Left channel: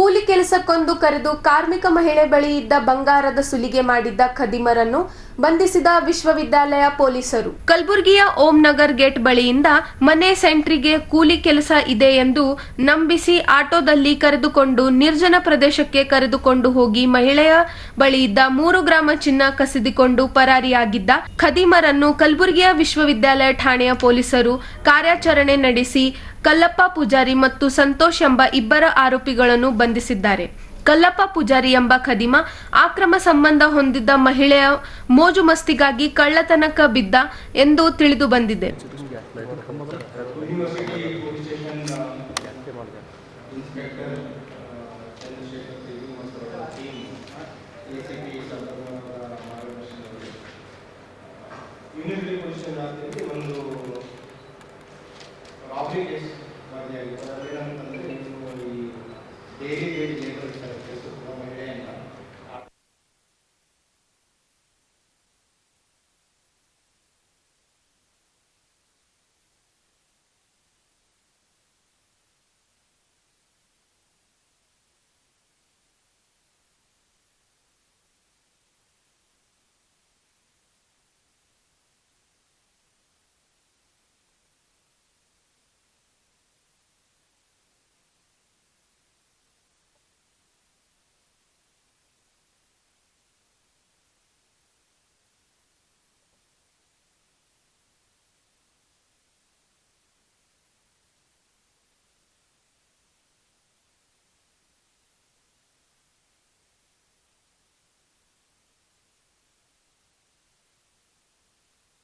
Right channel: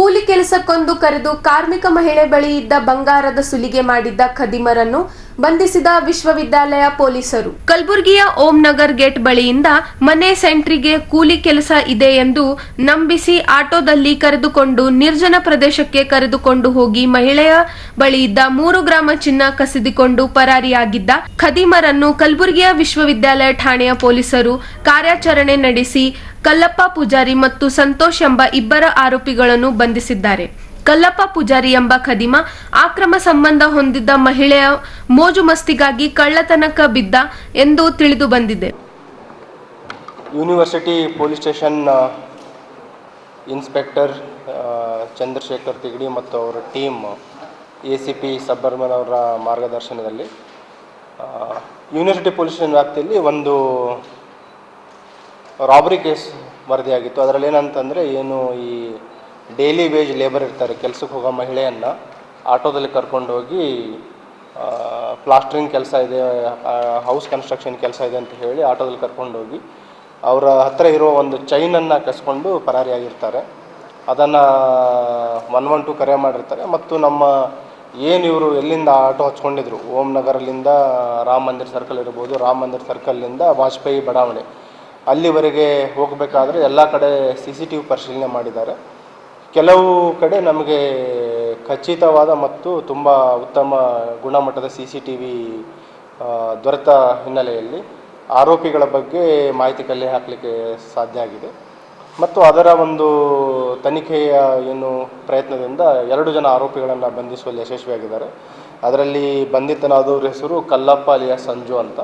ಕೂಲಿ ಕೆಲಸಕ್ಕೊಂದು ಕರೆದು ಕಾರ್ಮಿಕ ಮಹಿಳೆ ಬಳಿ ಇದ್ದ ಬಂಗಾರದ ಸುಲಿಗೆ ಮಾಡಿದ್ದ ಖದೀಮರನ್ನು ಬಂಧಿಸಿದ ವಿಶ್ವವಿದ್ಯಾಲಯ ಪೊಲೀಸರು. ಕಲಬುರಗಿಯ ಓಂ ನಗರ್ ಗೇಟ್ ಬಳಿಯಿಂದ ಮನೆ ಸೆಂಟ್ರಿಗೆ ಕೂಲಿ ಕೆಲಸ ಇದೆ ಎಂದು ನಂಬಿಸಿ ಆಟೋದಲ್ಲಿ ಕರೆದುಕೊಂಡು ನಿರ್ಜನ ಪ್ರದೇಶಕ್ಕೆ ಕರೆದುಕೊಂಡು ಹೋಗಿ ಮಹಿಳೆಯ ಬಳಿ ಇದ್ದ 3 ಗ್ರಾಂ ಚಿನ್ನ ಕಸಿದುಕೊಂಡು ಪರಾರಿಯಾಗಿದ್ದ ಖದೀಮರನ್ನು ಕಲಬುರಗಿಯ ವಿಶ್ವವಿದ್ಯಾಲಯ ಠಾಣೆಯ ಪೊಲೀಸರು ಕಾರ್ಯಾಚರಣೆ ನಡೆಸಿ ಕಲ್ಲಪ್ಪ ಪೂಜಾರಿ ಮತ್ತು ಸಂತೋಷ್ ಎಂಬ ಇಬ್ಬರ ಆರೋಪಿಗಳನ್ನು ಬಂಧಿಸಿದ್ದಾರೆ. ಕಲ್ಲಪ್ಪ ಪೂಜಾರಿ ಎಂಬ ಖದೀಮ ಅಕ್ರಮ ಸಂಬಂಧ ಹೊಂದಿದ್ದ ಮಹಿಳೆಯ ಮೋಜು ಮಸ್ತಿಗಾಗಿ ಕಳ್ಳತನಕ್ಕೆ ಬಿದ್ದ ಎಂದು ತಿಳಿದು ಬಂದಿದೆ. University police station inspector Chandrashekhar Tigadi ಮತ್ತು ಅವರ ಟೀಮ್ ACP ಸಬ್ಬರ್ಮನ್ ಅವರ ಮಾರ್ಗದರ್ಶನದಲ್ಲಿ ಯೂನಿವರ್ಸಿಟಿ ಪೊಲೀಸ್ ಸ್ಟೇಷನ್ ವ್ಯಾಪ್ತಿಯಲ್ಲಿ ಒಂದು ರಾಬರಿ ಕೇಸ್ ವರದಿಯಾಗಿತ್ತು. ಅದರಲ್ಲಿ ಏನಂತಂದರೆ ಈ ಡೈಲಿ ವೇಜ್ ಲೇಬರ್ ಇರ್ತಾರೆ, ಕೆಲಸಕ್ಕೆ ಹೋಗೋ ಮಹಿಳೆಯನ್ನು ಆಟೋದಲ್ಲಿ ಕರ್ಕೊಂಡು ಹೋಗಿ ಪ್ಲಾಸ್ಟ್ರಿಂಗ್ ಕೆಲಸ ಇದೆ, ಹೌಸ್ ಕನ್ಸ್ಟ್ರಕ್ಷನ್ ಕೆಲಸ ಇದೆ ಅಂತ ಹೇಳಿ ಆಟೋದಲ್ಲಿ ಕರ್ಕೊಂಡು ಹೋಗಿ ಅವರ ಹತ್ತಿರ ಇರೋ ಒಂದು ಚೈನನ್ನು ಕಸ್ಕೊಂಡು ಪರಾರಿಯಾಗಿರ್ತಾರೆ. ಅದನ್ನು 112 ಕರೆ ಮಾಡಿರ್ತಾರೆ. ಮತ್ತು ನಮ್ಮ ಇವರು ಎಲ್ಲಿಂದ ಆಟೋ ಹಚ್ಕೊಂಡಿದ್ರು, ಓಂ ನಗರಲ್ಲಿಂದ ರಾಮ ಮಂದಿರ ಸರ್ಕಲ್ ಇರ್ಬೋದು, ರಾಮ ಮಂದಿರ ಸರ್ಕಲ್ನಿಂದ ವಾಜಪೇಯಿ ಬಡಾವಣೆ ಅಲ್ಲಿವರೆಗೆ ಹೋಗಬೇಕಾದ್ರೆ ಎಲ್ಲ ಕಡೆ CCTV ಪರಿಶೀಲನೆ ಮಾಡಿದ್ದಾರೆ. ಕೆಲವು ಕಡೆ ನಮಗೆ ಖಚಿತವಾದ ಮತ್ತು ತುಂಬ ಉತ್ತಮ ಗುಣಮಟ್ಟದ CCTV ದೊರೆತ ಹಿನ್ನೆಲೆಯಲ್ಲಿ ಆರೋಪಿಗಳ ಬಗ್ಗೆ ಮಾಹಿತಿ ಕಲೆ ಹಾಕಲಿಕ್ಕೆ ಸಾಧ್ಯ ಆಗಿದೆ. ಮತ್ತು ಅದರ ಒಂದು ತನಿಖೆಯ ಪ್ರಯತ್ನದಿಂದ 2 ಜನ ಆರೋಪಿಗಳನ್ನು ಬಂಧಿಸುವಲ್ಲಿ ಯಶಸ್ವಿಯಾಗಿದ್ದಾರೆ. ಅದರಲ್ಲಿ ಬಂಧಿತನಾದವ್ರ ಹೆಸರು ಕಲ್ಲಪ್ಪ ಅಲಿಯಾಸ್ ಸಂಜು ಅಂತ,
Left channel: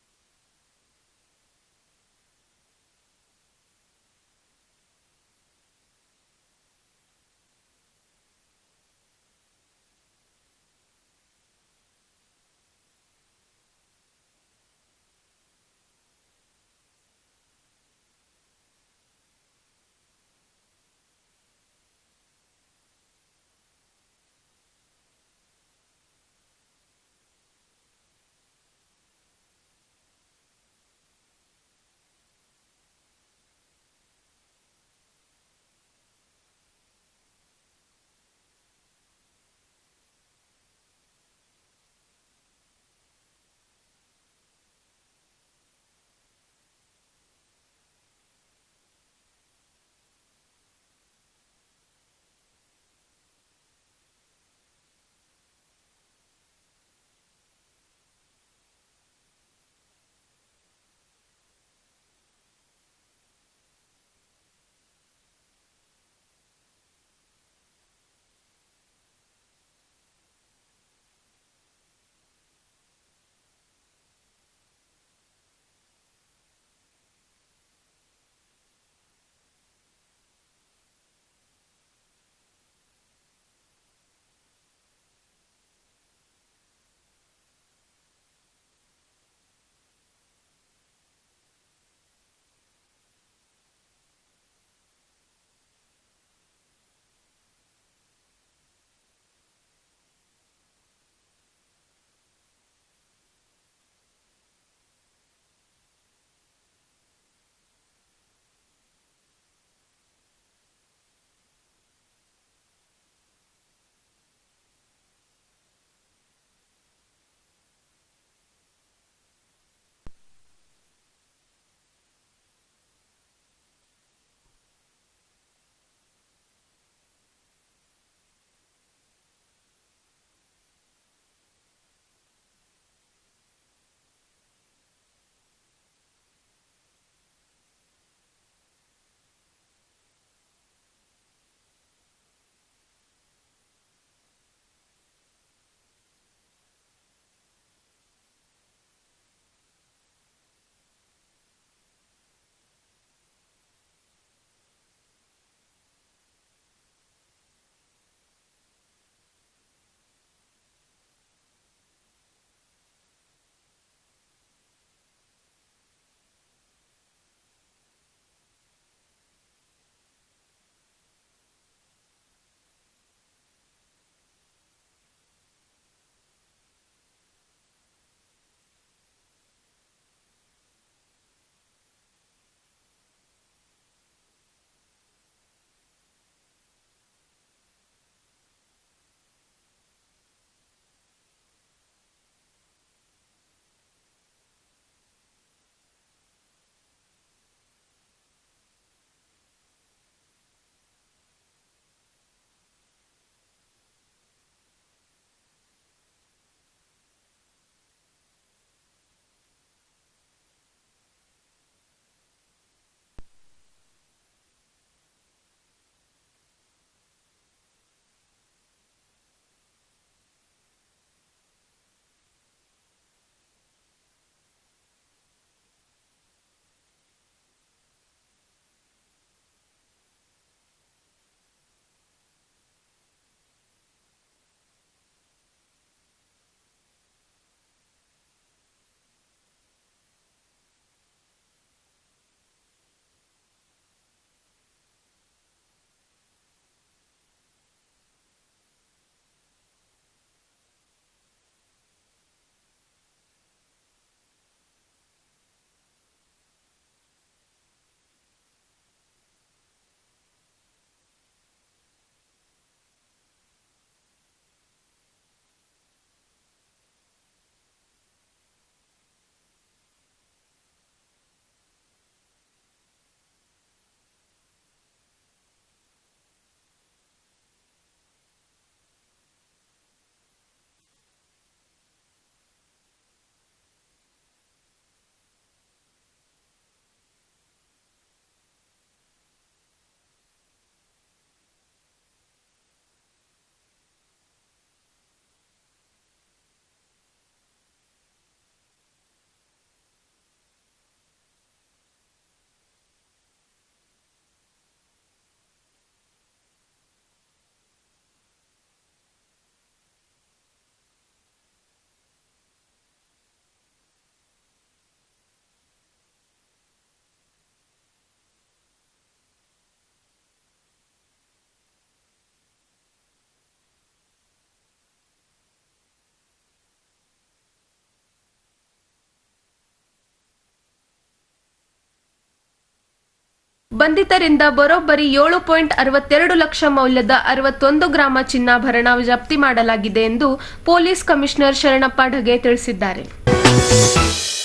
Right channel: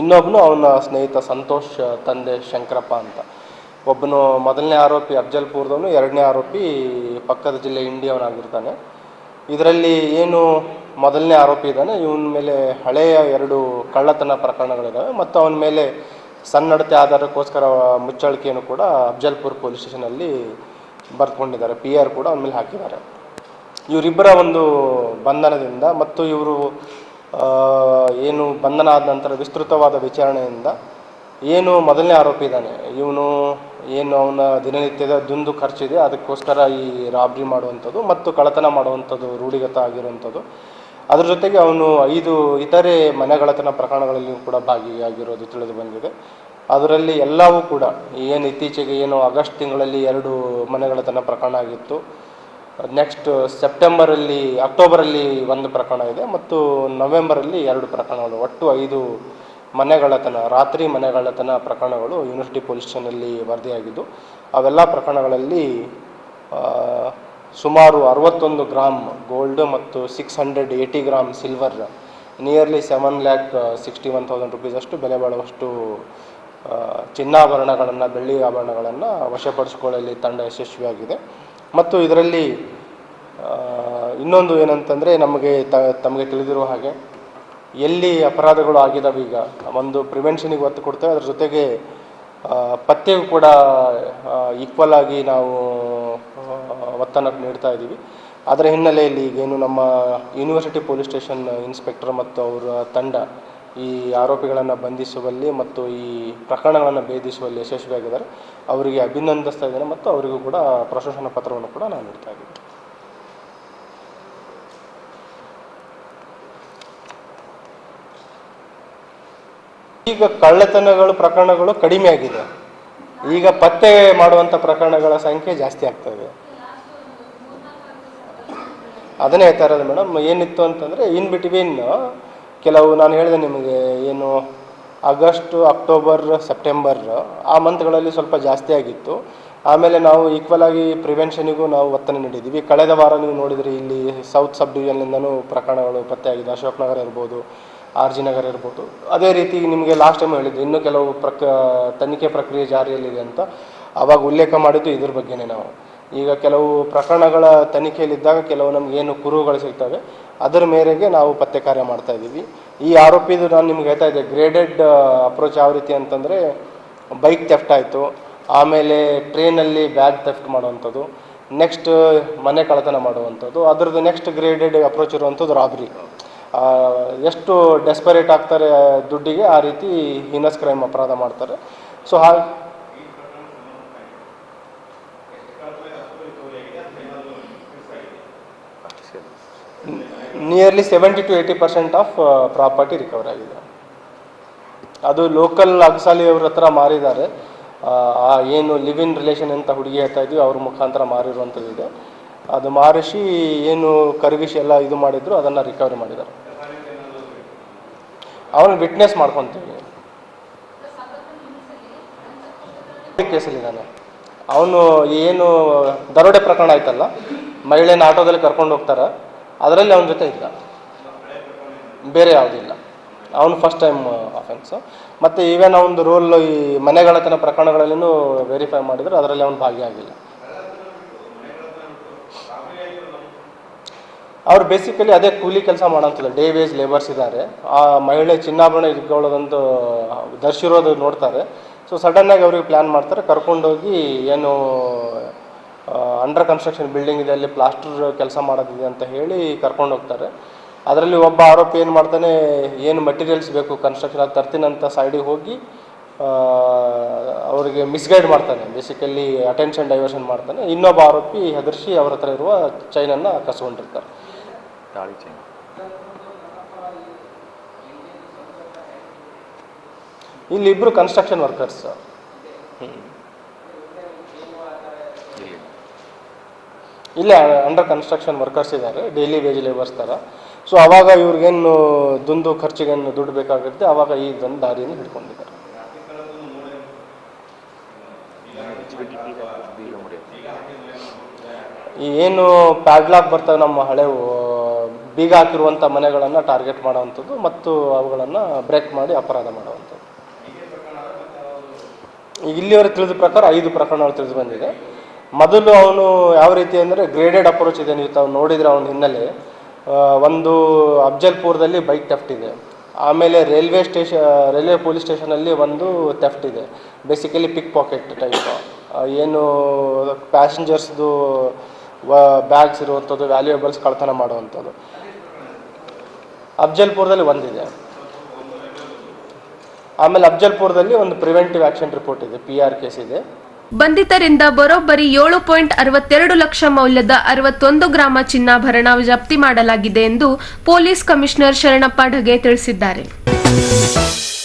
ಇನ್ನೊಬ್ಬನು ಅವನ ಸ್ನೇಹಿತ ಸಂತೋಷ್ ತಂದೆ ಶಂಕರಪ್ಪ ಅಂತ. ಒಬ್ಬನು ಮೊದಲನೇ ಆರೋಪಿ ಅಫ್ಜಲ್ಪುರದವನು, 2ನೇ ಆರೋಪಿ ಪಕ್ಕದ ಜಿಲ್ಲೆ ಇಂಡಿಯವನಾಗಿರ್ತಾನೆ. ಇದರಲ್ಲಿ ಮೊದಲನೇ ಆರೋಪಿ ಇದ್ದಾನೆ, ಇವನ ಮೇಲೆ ಹಳೆಯ 2 ಕಳ್ಳತನ ಪ್ರಕರಣಗಳಿದ್ದಾವೆ ಮತ್ತು ಅವನ ಮೇಲೆ ಸನ್ನಡತೆ ಆಧಾರಕ್ಕೋಸ್ಕರ ಮುಚ್ಚಳಿಕೆಯನ್ನು ಕೂಡ ಅಫ್ಜಲ್ಪುರ್ ಪೊಲೀಸ್ ಸ್ಟೇಷನಲ್ಲಿ ಬರೆದುಕೊಂಡಿದ್ದಾರೆ. PR ಕೂಡ ಅವನ ಮೇಲೆ ಹಾಕಿದ್ದಾರೆ. ಇವರಿಬ್ಬರ ಒಂದು ಬಂಧನದಿಂದ ಮತ್ತು ಇವರು ಬಂಧನ ಆದ ನಂತರ ವಿಸ್ತೃತವಾದ ವಿಚಾರಣೆಯಿಂದ ಮೊದಲನೇ ಆರೋಪಿ ಇದ್ದಾನೆ, ಇವನು ಅವನ ದಿನನಿತ್ಯದ ದುಂದು ಖರ್ಚಿದೆ, ಅದಕ್ಕೋಸ್ಕರ ಈ ರಾಬ್ರಿ ಮಾಡುವಂಥದ್ದು ಮತ್ತು ಕಳ್ಳತನ ಮಾಡುವಂಥದ್ದು ರೂಢಿಗತ ಆಗಿರುವಂಥದ್ದು. ಅದ್ರ ಜೊತೆಗೆ ಅವನು 5 ಇತರೆ ಮನೆಗಳ್ಳತನ ಪ್ರಕರಣಗಳಲ್ಲಿ ಕೂಡ ಭಾಗಿಯಾಗಿರೋದು ತಿಳಿದು ಬಂದಿದೆ. ಅದರಲ್ಲಿ ಎಲ್ಲವೂ ಕೂಡ ಇತ್ತೀಚೆಗೆ ಆಗಸ್ಟ್ ತಿಂಗಳಲ್ಲಿ 2 ಮನೆಗಳ್ಳತನ ಪ್ರಕರಣ ಆಗಿತ್ತು. ನೆಕ್ಸ್ಟ್ ಅಕ್ಟೋಬರಲ್ಲಿ 1 ಪ್ರಕರಣ ಇದೆ ಮತ್ತು ನವೆಂಬರಲ್ಲಿ 2 ಪ್ರಕರಣಗಳು, ಒಟ್ಟು 5 ರಾತ್ರಿ ಮನೆಗಳ್ಳತನ ಪ್ರಕರಣಗಳು ಯೂನಿವರ್ಸಿಟಿ ಪೊಲೀಸ್ ಸ್ಟೇಷನಲ್ಲಿ ವರದಿಯಾಗಿದ್ದು, ಅವೆಲ್ಲ ಪ್ರಕರಣಗಳಲ್ಲಿ ಸುಮಾರು 61 ಗ್ರಾಂ ಗೋಲ್ಡ್ ಮತ್ತು 680 ಗ್ರಾಂ ಸಿಲ್ವರ್, ನಿಯರ್ಲಿ 7,61,000 ರೂಪೀಸ್ ಅಷ್ಟು ಬೆಲೆ ಬಾಳುವಷ್ಟು ಚಿನ್ನಾಭರಣಗಳನ್ನು, ಬೆಳ್ಳಿ ಆಭರಣಗಳನ್ನು ವಶಪಡಿಸಿಕೊಳ್ಳಲು ತಂಡ ಯಶಸ್ವಿಯಾಗಿದೆ. ಮತ್ತು ಇದರಲ್ಲಿ ಇನ್ನೊಂದು ಏನಂತಂದರೆ, ತಮಗೆ ತಿಳಿದಿರುವ ಹಾಗೆ ಎಲ್ಲಿ ಅಪರಾಧಗಳು ಆಗಿದ್ದಾವೆ ಈಗ ಒಂದು ಪ್ರಿವೆನ್ಷನಿಗೆ ಒತ್ತು ಕೊಡ್ತೇವೆ, ಅದ್ರ ಜೊತೆಗೆ ಪತ್ತೆಗೂ ಕೂಡ ಈಕ್ವಲ್ ಆಗಿ ನಾವು ಒತ್ತನ್ನು ನೀಡ್ತಾ ಇದ್ದೀವಿ. ಅದರ ಹಿನ್ನೆಲೆಯಲ್ಲಿ ಈಗೇನು ನಮ್ಮ ಯೂನಿವರ್ಸಿಟಿ ಪೊಲೀಸ್ ಸ್ಟೇಷನ್ ಇನ್ಸ್ಪೆಕ್ಟರ್ ಮತ್ತು ಅವರ ತಂಡ ಈ ಆರೋಪಿಗಳನ್ನು ಬಂಧಿಸುವಲ್ಲಿ ಮತ್ತು ಈ ಪ್ರಕರಣಗಳನ್ನು ಭೇದಿಸುವಲ್ಲಿ ಯಶಸ್ವಿಯಾಗಿದ್ದಾರೆ. ಅವರಿಗೆ ಅಭಿನಂದಿಸ್ತಾ ಇದ್ದೇನೆ ಮತ್ತು ಅವರಿಗೂ ಕೂಡ ಪ್ರಶಂಸನಾ ಪತ್ರವನ್ನು ಕೂಡ ನಾನು ನೀಡ್ತಾ ಇದ್ದೀನಿ. ಈಗ ಕಳ್ಳತನಗಳು ಪ್ರಕರಣಗಳು ಕಡಿಮೆ ಆಗಿದೆ, ಈಗ ಪತ್ತೆ ಮಾಡುವಂಥ ಪ್ರಕರಣಗಳ ಸಂಖ್ಯೆ ಜಾಸ್ತಿ ಆಗ್ತದೆ. ಅದನ್ನೇ ಹೇಳ್ತಾ ಇರೋದು ಮೇಡಮ್. ಏನಿತ್ತು ಅಂತಂದರೆ ಇನ್ ಬಿಟ್ವೀನ್ ಕೆಲವು ನಾನು ಹೇಳಿದೆ ನಿಮಗೆ ಆಗಸ್ಟ್, ಅಕ್ಟೋಬರ್, ಸೆಪ್ಟೆಂಬರ್ ಆ ಮಂತ್ಗಳಲ್ಲಿ ಸ್ವಲ್ಪ ಜಾಸ್ತಿ ಆಗಿತ್ತು. ಆಮೇಲೆ ನಾವು ಈಕ್ವಲ್ ಆಗಿ ಪ್ರಿವೆನ್ಷನಿಗೂ ನಾವು ಒತ್ತನ್ನು ನೀಡಿದ್ದೀವಿ. ಕಳೆದ ವಾರ ನೀವು ನೋಡಿದ್ರಿ, ಇಲ್ಲಿ ಸೌತ್ ಸಬ್ ಡಿವಿಷನ್ನಿಂದನೂ ಪ್ರಕರಣಗಳು ಪತ್ತೆಯಾಗಿದೆ. ಅಶೋಕ್ ನಗರ ಇರ್ಬೋದು, RG ನಗರ ಇರ್ಬೋದು. ಅದೇ ರೀತಿ ನಿಮಗೆ ಲಾಸ್ಟ್ ಟೈಮ್ ಹೇಳಿದ್ದೆ ಇನ್ನೂ ಕೆಲವು ತನಿಖೆ ಪ್ರಕ್ರಿಯೆ ಜಾರಿಯಲ್ಲಿದೆ ಅಂತ. ಆವಾಗ ಉಲ್ಲೇಖ ಮಾಡಿದ್ದು ಇದ್ರ ಬಗ್ಗೆನೇ. ನಾವು ಈಗ ಕೆಲವು ಪ್ರಕರಣಗಳ ತನಿಖೆಯಲ್ಲಿದ್ದಾಗ ಕೆಲವು ನಮಗೇನು ಕುರುಹುಗಳು ಸಿಗ್ತವೆ, ಅದರ ಮೇರೆಗೆ ನಾವು ಪತ್ತೆ ಕಾರ್ಯ ಮಾಡ್ತಾ ಇದ್ದೀವಿ. ಈ ಆರೋಪಿದು ನಾನು ನಿಮ್ಗೆ ಹೇಳ್ತಾ ಇದ್ದೆ, ಗ್ರೇಡೆಡ್ ಅಪ್ರೋಚ್ ಯಾವ ರೀತಿ ಅಂತಂದರೆ, ಬೈಕ್ ಥೆಫ್ಟ್ ಆಯಿತು, ಆಮೇಲೆ ಟ್ರೈನಲ್ಲಿ ಬ್ಯಾಗ್ ಥೆಫ್ಟ್ ಮಾಡುವಂಥದ್ದು, ನೆಕ್ಸ್ಟ್ ಮನೆ ಕಳ್ಳತನ ಮಾಡುವಂಥದ್ದು, ಅದರದ್ದು ನೆಕ್ಸ್ಟ್ ಗ್ರೇಡೆಡ್ ಅಪ್ರೋಚ್ ಇರುವಂಥದ್ದು ರಾಬ್ರಿ. ಎಷ್ಟು ಡೆಸ್ಪರೇಟ್ ಆಗ್ತಾರೆ ದುಡ್ಡಿಗೆ, ಆ ರೀತಿ ಹೀನಸ್ ಕ್ರೈಮ್ ಅಪರಾಧ ಮಾಡ್ತಾರೆ. So nearly 70 to 80% of property recover ಆಗಿದೆ. ಅದು ಲೋಕಲ್ ಅಗಸಾಲಿ ಅವ್ರ ಹತ್ರ ಮಾರಿದ್ದಾರೆ. ಏನು ಲಿವ್ ಇನ್ ರಿಲೇಷನ್ ಅಂತ ಹುಡುಗಿ ಹೇಳ್ತಾ ಇದ್ವಿ, ಅವ್ರ ಮುಖಾಂತರ ಮಾರಿರುವಂಥದ್ದು ಇದೆ. ಅದು ಮಾರಿಸಿ ಏನು ಕರಗಿಸಿ ಎಲ್ಲ ಇದು ಮಾಡಿದ್ರು ಅದನ್ನು ರಿಕವರಿ ಮಾಡಿದ್ದಾರೆ. ಅವನು ವಿಟ್ನೆಸ್ ಮಾಡ್ಕೊತೀವಿ. ಕೇಸಲ್ಲಿದ್ದಾನೆ ಅವನು. ಏನು ದರೋಡೆ ಪ್ರಕರಣ ಆಯ್ತಲ್ಲ, ಮಹಿಳೆನ ಆಟೋದಲ್ಲಿ ಕರ್ಕೊಂಡು ಹೋಗ್ತಾರೆ, ಅದರಲ್ಲಿ ಅವನ ಜೊತೆ ಇದ್ದ, ಬೇರೆ ಯಾವುದಿಲ್ಲ. ಅವನು ಫಸ್ಟ್ ಟೈಮ್ ಅಫೆನ್ಸು. ಮತ್ತು ಈವನ್ ಅವನದು ರೋಲ್ ಈ ಮನೆಗಳತನ ಪ್ರಕರಣಗಳಲ್ಲೂ ವೆರಿಫೈ ಮಾಡಿದ್ರು, ಅದರಲ್ಲಿ ಅವನು ಭಾಗಿಯಾಗಿಲ್ಲ. ಅವ್ರು ಬೇಸಿಕಲಿ ಅದೇ ಕೂಲಿ ಕೆಲಸ ಮಾಡೋಂತಿಲ್ಲ, ಡೇ ವೇಜ್ ಲೇಬರ್ಸ್ ಇದ್ದಾರೆ. ಆ ಮಹಿಳೆ ಚಿನ್ನಾಭರಣ ಇಟ್ಕೊಳ್ಳೋದಂತೂ ಧರಿಸಿರೋದು ನೋಡ್ತಾರೆ. ಸೊ ಸಡನ್ನಾಗಿ ಅವ್ರಿಗೆ ಪ್ಲ್ಯಾನ್ ಮಾಡ್ತಾರೆ, ಕರ್ಕೊಂಡೋಗಿ ಏನು ಅಂಡರ್ ಕನ್ಸ್ಟ್ರಕ್ಷನ್ ಬಿಲ್ಡಿಂಗ್ ಇದೆ, ಅಲ್ಲಿ ಪ್ಲಾಸ್ಟರ್ ಕೆಲಸ ಮಾಡೋದಿದೆ ಅಂತ ಹೇಳಿ ಕರ್ಕೊಂಡು ಹೋಗ್ತಾರೆ. ಅದರಲ್ಲಿ ಒಬ್ಬ ಆರೋಪಿ ಏನು ಮಾಡ್ತಾನೆ, ಏನು ಮಟೀರಿಯಲ್ಸ್ ಬೇಕು ಕನ್ಸ್ಟ್ರಕ್ಷನ್ ಅದು ತರ್ತೀನಂತ ಸೈಡಿಗೆ ಹೋಗಿ ಅವರಿಗೆ ಮಿಸ್ಗೈಡ್ ಮಾಡ್ತಾನೆ, ಬೇಸಿಕಲಿ ಅಟೆನ್ಷನ್ ಡೈವರ್ಷನ್ ಮಾಡ್ತಾನೆ. ಇನ್ನೊಬ್ಬ ಆರೋಪಿ ಹೆದರ್ಸಿ ಅವ್ರ ಹತ್ರ ಇರುವ ಚೈನನ್ನು ಕಸ್ಕೊಂಡಿರ್ತಾರೆ. ಇಲ್ಲಿ ಇಬ್ಬರು ಕನ್ಸ್ಟ್ರಕ್ಷನ್ ವರ್ಕರ್ಸ್, ಇಲ್ಲೇ ಅಂಡರ್ ಕನ್ಸ್ಟ್ರಕ್ಷನ್ ವರ್ಕರ್ಸ್ ಇದ್ದಾರೆ, ಡೈಲಿ ವೇಜ್ ಲೇಬರ್ಸ್ ಥರ. ಸೊ ಆವಾಗ ಇವ್ರಿಗೇನು ದುಂದು ಖರ್ಚಿಗೇನು ದುಡ್ಡು ಬೇಕಾಗುತ್ತೆ, ಆವಾಗ ಈ ಒಂದು ದಾರಿಯನ್ನು ಹಿಡ್ಕೊಂಡಿದ್ದಾರೆ. ಈ ಏನು ಪ್ಯಾಡ್ಲಾಕ್ ಬರ್ತವೆ ನಮ್ಮ ಹಳೆವು ಬೀಗ ಹಾಕಿರುವಂಥ ಮನೆಗಳನ್ನು ಟಾರ್ಗೆಟ್ ಮಾಡೋವಂಥದ್ದು ಮತ್ತು ಅವುಗಳನ್ನು ಬ್ರೇಕ್ ಮಾಡಿ ಅಪರಾಧ ಮಾಡುವಂಥದ್ದು. ಈಗ ಇಲ್ಲಿವರೆಗೆ ತಿಳಿದ ಪ್ರಕಾರ 5 ಪ್ರಕರಣಗಳು ತಿಳಿದು ಬಂದಿದೆ. ಮೊದಲು ಅವನು ಯಾವ ರೀತಿ ಅಂದರೆ ಗ್ರೇಡೆಡ್ ಅಪ್ರೋಚ್ ಇದೆ. ನೀವು ತಾವು ನೋಡಿದರೆ ಅವನ ಹಿನ್ನೆಲೆ ಒಂದು ಅಫ್ಜಲ್ಪುರದಲ್ಲಿ ಬೈಕ್ ಥೆಫ್ಟ್ ಇದೆ. ಆಮೇಲೆ ರೈಲ್ವೆ ಪೊಲೀಸ್ ಸ್ಟೇಷನಲ್ಲಿ ಒಂದು ಥೆಫ್ಟ್ ಇದೆ, ಬೇಸಿಕಲಿ ಪಿಕ್ ಪಾಕೆಟ್ ಟೈಪ್. ಏನು ಪ್ಯಾಸೆಂಜರ್ಸ್ದು ಬ್ಯಾಗ್ಸ್ ಇರುವಂಥದ್ದು, ವ್ಯಾಲ್ಯೂಯೇಬಲ್ಸ್ ಕಳ್ತನ ಮಾಡುವಂಥದ್ದು. ಅಫ್ಜಲ್ಪುರದಲ್ಲಿ ಒಂದಿದೆ. ಆಮೇಲೆ ಅಫ್ಜಲ್ಪುರದಲ್ಲಿ ಒಂದು ಪ್ರಿವೆಂಟಿವ್ ಆಕ್ಷನ್ ರಿಪೋರ್ಟ್ ಇದೆ, PR ಕೇಸ್ ಇದೆ. ಬಂಧಿತರಿಂದ ಬರೋಬ್ಬರಿ 7.62 ಲಕ್ಷ ಮೌಲ್ಯದ 61 ಗ್ರಾಮ ಚಿನ್ನಾಭರಣ ಜಪ್ತಿ ಮಾಡಲಾಗಿದೆ ಎಂದು ಪೊಲೀಸ್ ಕಮಿಷನರ್ ಶರಣಪ್ಪ ಢಗೆ ತಿಳಿಸಿದ್ದಾರೆ.